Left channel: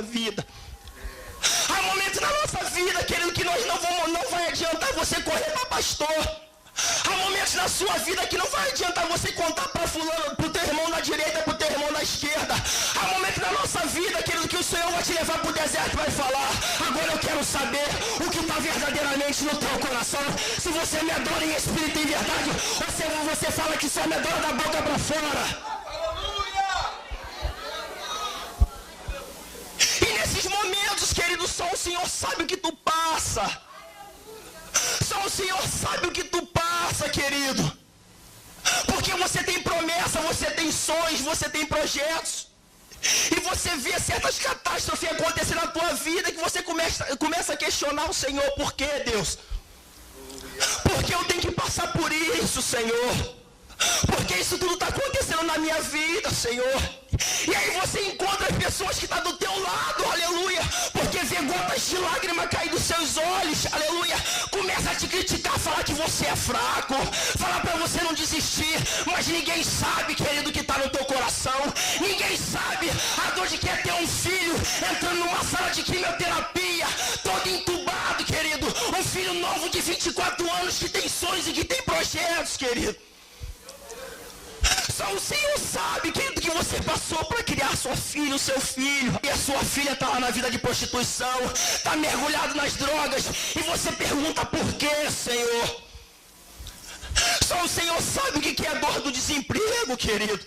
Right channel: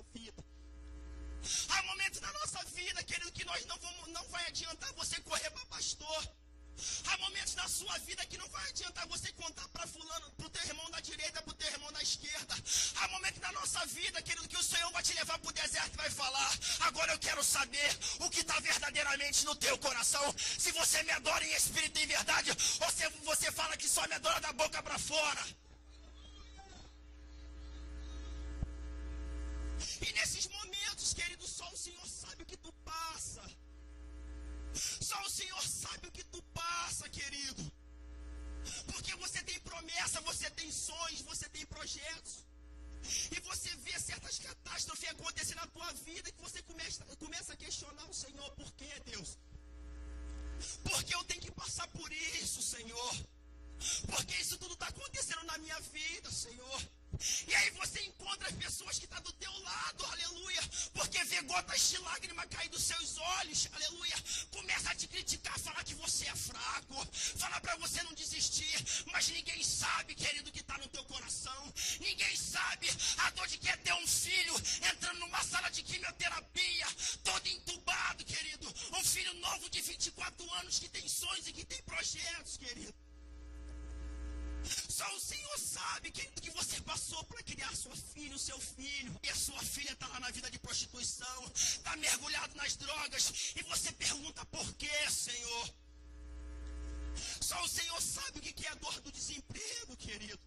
nossa vida. Há momentos na nossa vida, querido, que nós não vai adiantar você correr para pastor. Há momentos na sua vida que não vai adiantar você contar para fulano, para o teu irmão na direita, para o teu irmão na esquerda. Há momentos na nossa vida, querido, que o Senhor vai te levar para o deserto e vai falar: agora eu quero saber o que está verdadeiramente no teu coração. Se você me adora em espírito e em verdade, ou você fala que só me adora da boca para fora. E nesses momentos, querido, só o Senhor sabe o que tu passa. Só o Senhor sabe o que tu passa, querido. Porque você tem promessa, você tem sonhos, você tem projetos. E você vê certas catástrofes acontecer na tua vida que você começa a questionar o Senhor. Por quê, Deus? Porque eu tenho que passar por isso, Senhor? Porque isso tudo está acontecendo na minha vida, Senhor. E aí você encontra as pessoas que estão do teu lado, aleluia, porque vê gotas de lágrima cair dos seus olhos, aleluia, começa a te criticar, falar que você é fraco, falar para você não desistir, mas ninguém sabe, querido, que está no teu coração. Ninguém sabe a dor de que é ter um filho entrando numa sala de quimioterapia, todo entubado, querido, um filho novo de 24 anos que tem sonhos e que tem projetos, querido. Só o Senhor sabe, querido, que você passou para criar sua filha, o seu filho. E a sua filha está lá na vida de prostituição, está mergulhado nas drogas. E você pergunta por quê, Senhor? Só o Senhor sabe o que é a dor do desemprego, querido.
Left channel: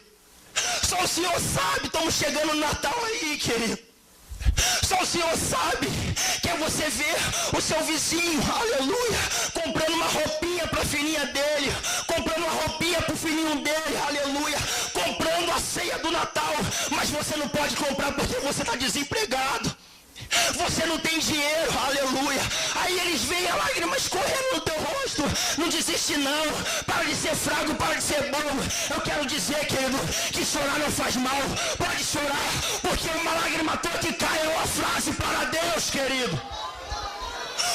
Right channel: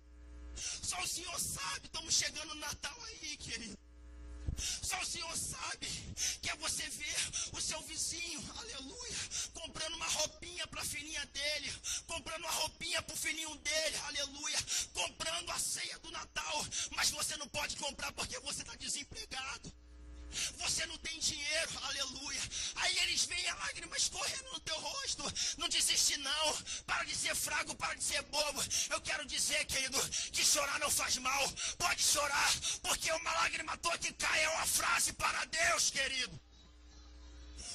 Só o Senhor sabe, estamos chegando no Natal aí, querido. Só o Senhor sabe que é você ver o seu vizinho, aleluia, comprando uma roupinha para a filhinha dele, comprando uma roupinha para o filhinho dele, aleluia, comprando a ceia do Natal, mas você não pode comprar porque você está desempregado. Você não tem dinheiro, aleluia. Aí eles veem a lágrima escorrendo no teu rosto. Não desiste não, para de ser fraco, para de ser bobo. Eu quero dizer, querido, que chorar não faz mal. Pode chorar, porque uma lágrima tua que cai é uma frase para Deus, querido.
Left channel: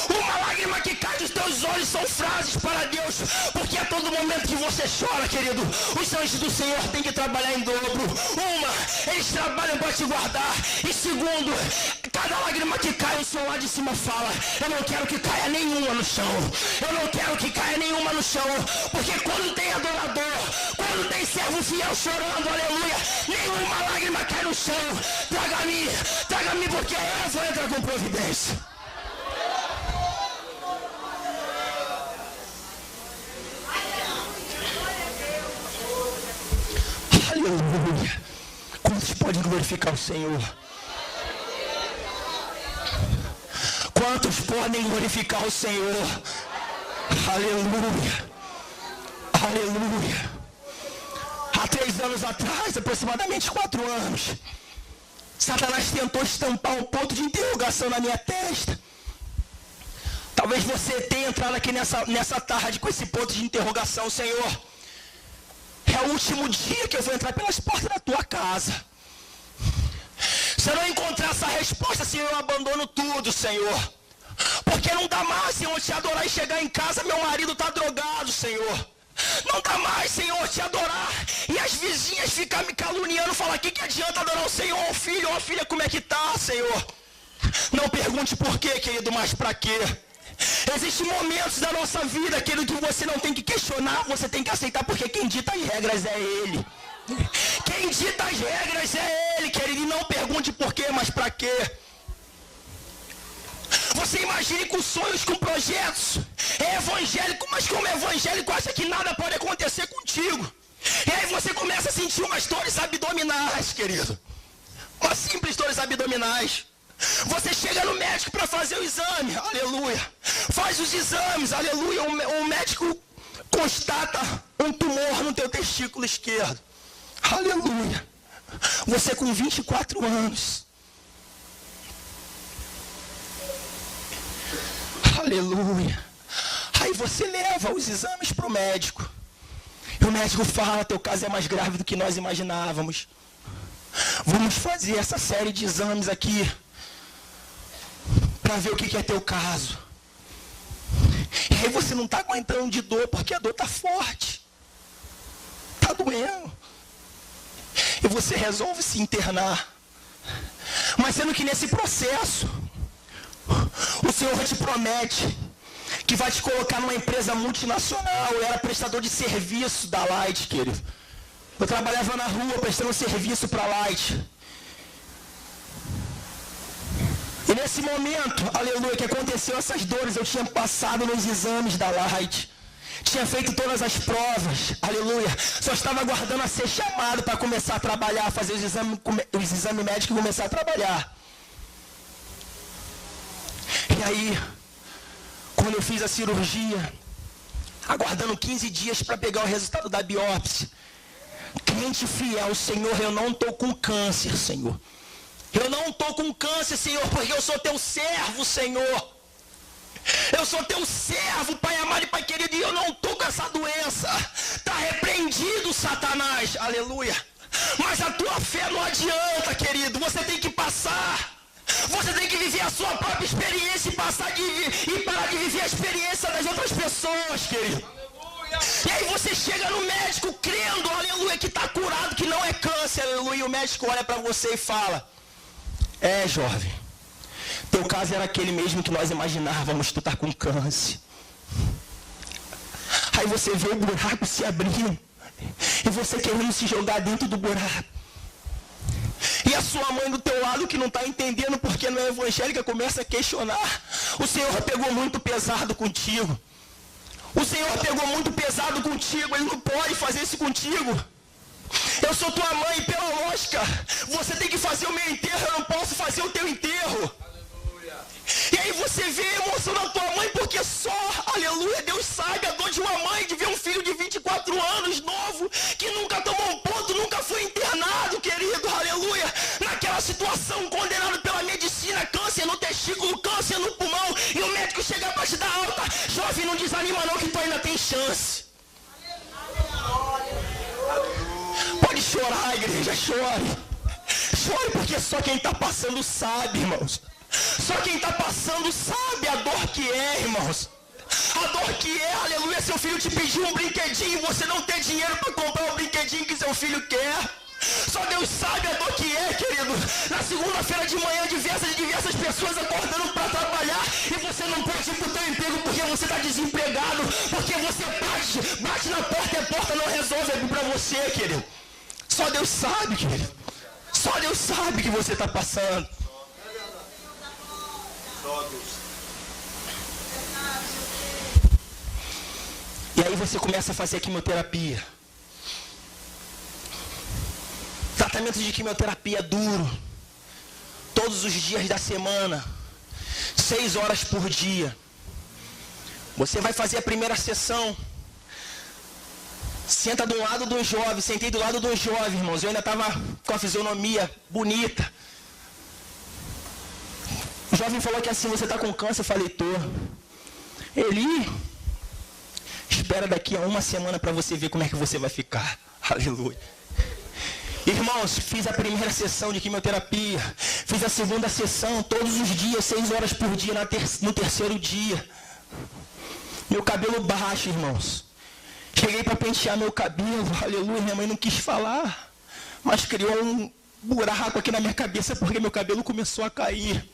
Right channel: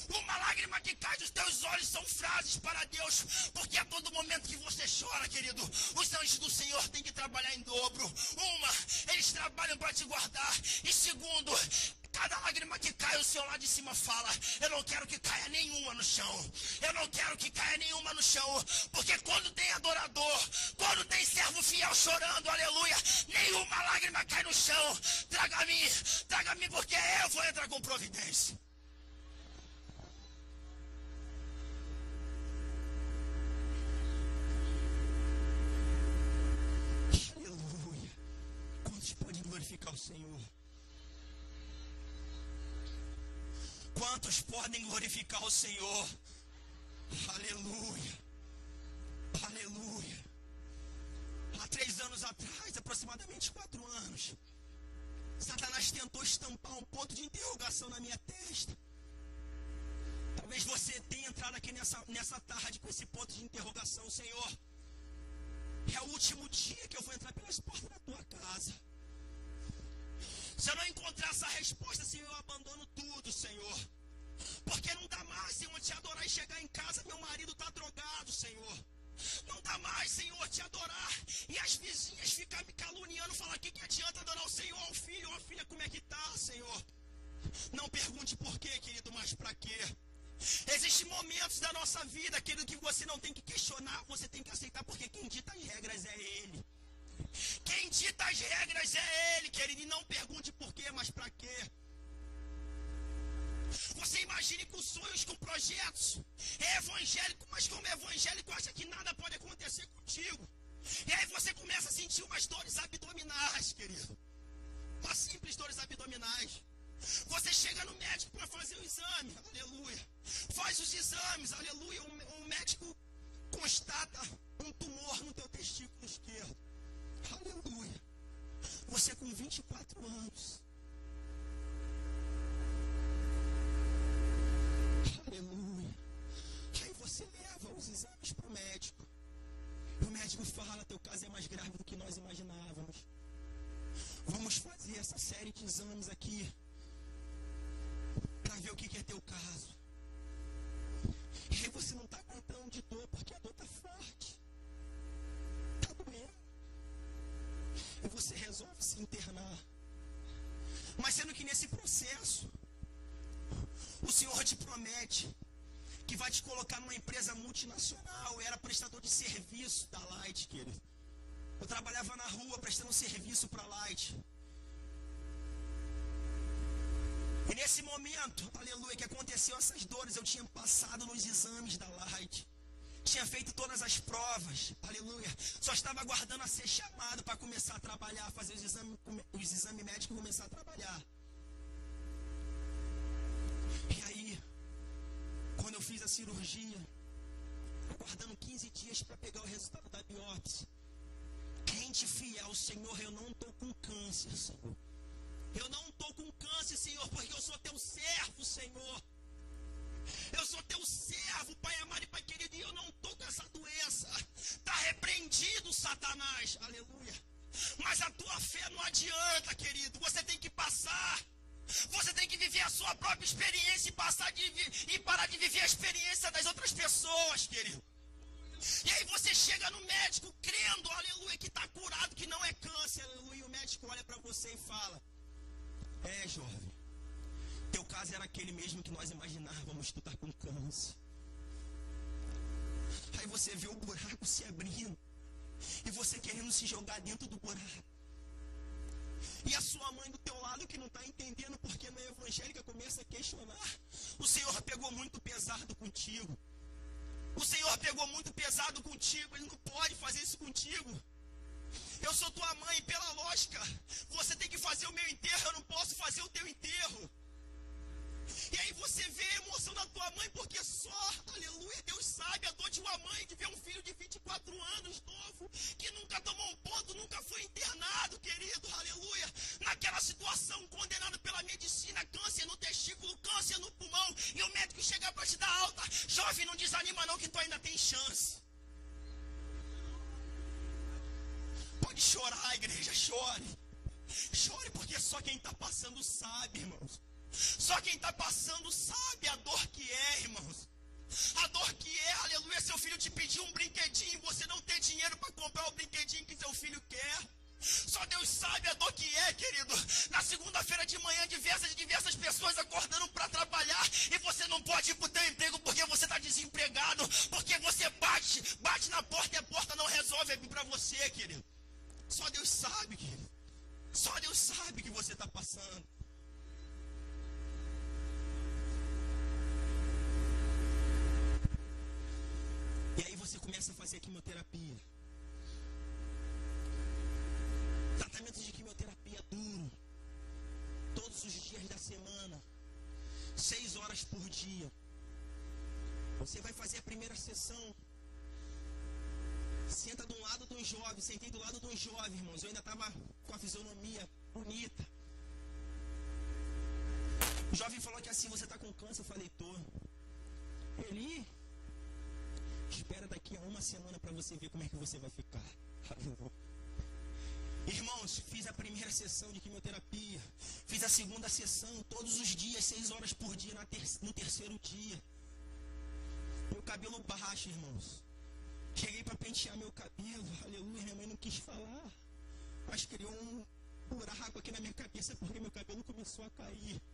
Uma lágrima que cai dos teus olhos são frases para Deus, porque a todo momento que você chora, querido, os anjos do Senhor têm que trabalhar em dobro. Uma, eles trabalham para te guardar. E segundo, cada lágrima que cai, o Senhor lá de cima fala: eu não quero que caia nenhuma no chão. Eu não quero que caia nenhuma no chão, porque quando tem adorador, quando tem servo fiel chorando, aleluia, nenhuma lágrima cai no chão. Traga-me, porque eu vou entrar com providência. Aleluia. Quantos podem glorificar o Senhor? Quantos podem glorificar o Senhor? Aleluia. Aleluia. Há 3 anos atrás, aproximadamente 4 anos, Satanás tentou estampar um ponto de interrogação na minha testa. Talvez você tenha entrado aqui nessa tarde com esse ponto de interrogação: Senhor, é o último dia que eu vou entrar pelas portas da tua casa. Se eu não encontrar essa resposta, Senhor, eu abandono tudo, Senhor. Porque não dá mais, Senhor, te adorar e chegar em casa, meu marido está drogado, Senhor. Não dá mais, Senhor, te adorar e as vizinhas ficam me caluniando, falar: que adianta adorar o Senhor, um filho ou uma filha, como é que tá, Senhor? Não pergunte por quê, querido, mas para quê? Existem momentos da nossa vida, querido, que você não tem que questionar, você tem que aceitar, porque quem dita as regras é Ele. Quem dita as regras é Ele, querido, e não pergunte por quê, mas para quê. Você imagine com sonhos, com projetos, é evangélico, mas como evangélico acha que nada pode acontecer contigo. E aí você começa a sentir umas dores abdominais, querido. Umas simples dores abdominais. Você chega no médico para fazer o exame, aleluia. Faz os exames, aleluia. O médico constata um tumor no teu testículo esquerdo. Aleluia. Você com 24 anos. Aleluia. Aí você leva os exames para o médico. E o médico fala: teu caso é mais grave do que nós imaginávamos. Vamos fazer essa série de exames aqui para ver o que é teu caso. E aí você não está aguentando de dor, porque a dor está forte. Está doendo. E você resolve se internar. Mas sendo que nesse processo, o Senhor te promete que vai te colocar numa empresa multinacional. Eu era prestador de serviço da Light, querido. Eu trabalhava na rua prestando serviço para a Light. E nesse momento, aleluia, que aconteceu essas dores, eu tinha passado nos exames da Light. Tinha feito todas as provas, aleluia. Só estava aguardando a ser chamado para começar a trabalhar, fazer os exames médicos e começar a trabalhar. E aí, quando eu fiz a cirurgia, aguardando 15 dias para pegar o resultado da biópsia, crente fiel, Senhor, eu não estou com câncer, Senhor. Eu não estou com câncer, Senhor, porque eu sou teu servo, Senhor. Eu sou teu servo, Pai amado e Pai querido, e eu não estou com essa doença. Está repreendido, Satanás, aleluia. Mas a tua fé não adianta, querido, você tem que passar. Você tem que viver a sua própria experiência e parar de viver a experiência das outras pessoas, querido. E aí você chega no médico crendo, aleluia, que está curado, que não é câncer, aleluia. E o médico olha para você e fala: jovem, teu caso era aquele mesmo que nós imaginávamos, tu está com câncer. Aí você vê o buraco se abrindo, e você querendo se jogar dentro do buraco. E a sua mãe do teu lado, que não está entendendo porque não é evangélica, começa a questionar. O Senhor pegou muito pesado contigo. O Senhor pegou muito pesado contigo, Ele não pode fazer isso contigo. Eu sou tua mãe, e pela lógica, você tem que fazer o meu enterro, eu não posso fazer o teu enterro. E aí você vê a emoção da tua mãe, porque só, aleluia, Deus sabe a dor de uma mãe de ver um filho de 24 anos, novo, que nunca tomou um ponto, nunca foi internado, querido, aleluia, naquela situação, condenado pela medicina, câncer no testículo, câncer no pulmão, e o médico chega para te dar alta. Jovem, não desanima não, que tu ainda tem chance. Pode chorar, igreja, chore. Chore, porque só quem está passando sabe, irmãos. Só quem está passando sabe a dor que é, irmãos. A dor que é, aleluia, seu filho te pediu um brinquedinho e você não tem dinheiro para comprar o brinquedinho que seu filho quer. Só Deus sabe a dor que é, querido. Na segunda-feira de manhã, diversas pessoas acordando para trabalhar e você não pode ir para o teu emprego porque você está desempregado, porque você bate na porta e a porta não resolve abrir para você, querido. Só Deus sabe, querido. Só Deus sabe que você está passando. E aí você começa a fazer a quimioterapia. Tratamento de quimioterapia duro. Todos os dias da semana. 6 horas por dia. Você vai fazer a primeira sessão. Senta do lado do jovem. Sentei do lado do jovem, irmãos. Eu ainda estava com a fisionomia bonita. O jovem falou que assim, você está com câncer? Eu falei, tô. Ele... espera daqui a 1 semana para você ver como é que você vai ficar. Aleluia. Irmãos, fiz a primeira sessão de quimioterapia. Fiz a segunda sessão todos os dias, 6 horas por dia no terceiro dia. Meu cabelo baixo, irmãos. Cheguei para pentear meu cabelo. Aleluia, minha mãe não quis falar. Mas criou um buraco aqui na minha cabeça porque meu cabelo começou a cair.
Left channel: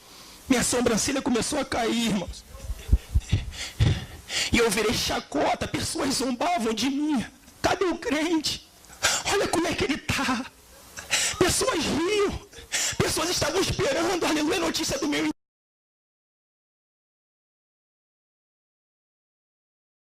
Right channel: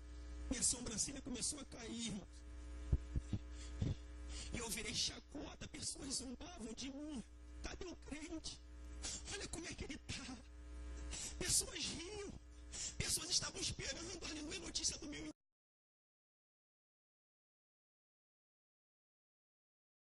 Minha sobrancelha começou a cair, irmãos. E eu virei chacota, pessoas zombavam de mim. Cadê o crente? Olha como é que ele está. Pessoas riam. Pessoas estavam esperando, aleluia, a notícia do meu